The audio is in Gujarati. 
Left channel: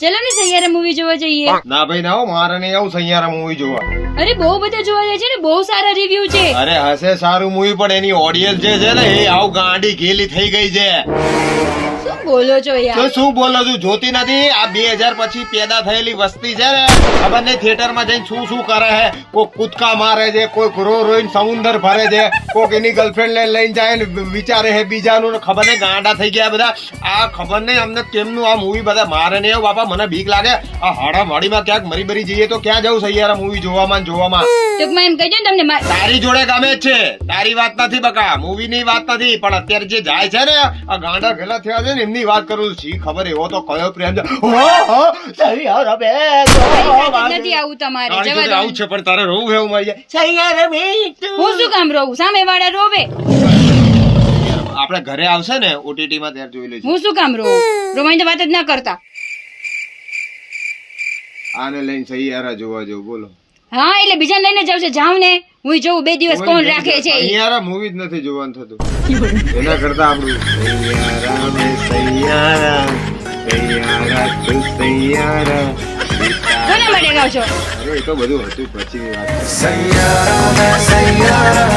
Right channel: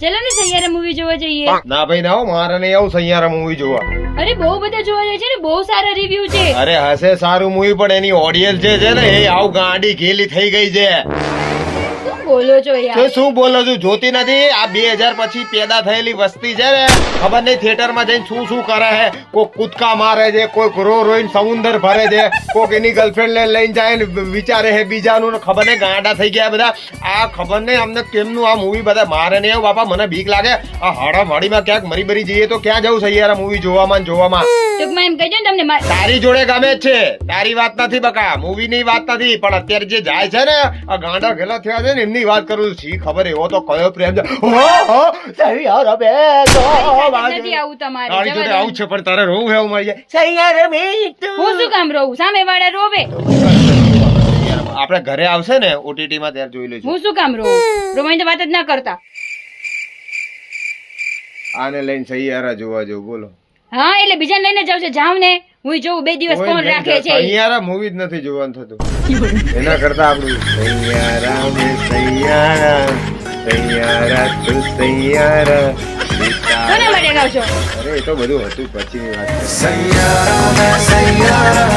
ચલો ને સૈયારા મૂવી જોવા જઈએ. ના ભાઈ ના હો, મારે નહીં આવું સૈયારા મૂવી જોવા. અરે બહુ બધા જોવા જાય છે ને, બહુ સારા રિવ્યુ છે. અરે હશે સારું મૂવી, પણ એની ઓડિયન્સ જે છે ને એ આવ ગાંડી ઘેલી થઈ ગઈ છે. શું બોલો છો તો યાર? શું બોલો છું, જોતી નથી? આ 2000 પછી પેદા થયેલી વસ્તી છે ને, ખબર નહીં થિયેટર માં જઈને શું શું કરે છે. કોઈ કૂદકા મારે છે, કોઈ રો રોઈને સમુદ્ર ભરે છે, કોઈક એની ગર્લફ્રેન્ડ ને લઈને જાય ને વિચારે છે બીજાનું, ને ખબર નહીં ગાંડા થઈ ગયા બધા. આ ખબર નહીં અમને કેમનું આ મૂવી બધા. મારે નહીં આવું બાપા, મને બીક લાગે. આ હાડામાડીમાં ક્યાંક મરી બરી જઈએ તો ક્યાં જવું સૈયારા મૂવી જોવામાં ને જોવામાં? ટૂંકમાં એમ કહી દો ને તમને તારી જોડે ગમે જ છે, તારી વાત નથી બકા, મૂવી ની વાત નથી, પણ અત્યારે જે જાય છે ને આ ગાંડા ગેલા થયા છે ને એમની વાત કરું છું. શી ખબર એવો તો કયો પ્રેમ છે. સૈયારા બે નથી આવું તમારે. તારી જવા જોડે દો. આવું છે, પણ તારે રોવું એવું મળી જાય. સૈયારા મીઠું. હું શું કામ રહું? સામે વાળા રોવે. આપણે ઘરે આવશે ને ઓટીટી માં ત્યારે જોઈ લેજો. હું શું કામ રહું? રોવાની તો વાત જ ના કરતા. આને લઈને સૈયારા જોવા જવું, બોલો. હા એટલે બીજા લઈને જાવ છે. જાવ ને, હું જોઉં 2 દિવસ કોણ રાખે છે. સૈયારા મૂવી જ નથી જોવાનું થતું. એના કરતા આપણું સૈયારા મે સૈયારા સૈયારા તું સૈયારા. કોના માટે ગાવ છો? અરે એ તો બધું હતું પછી વાત. સૈયારા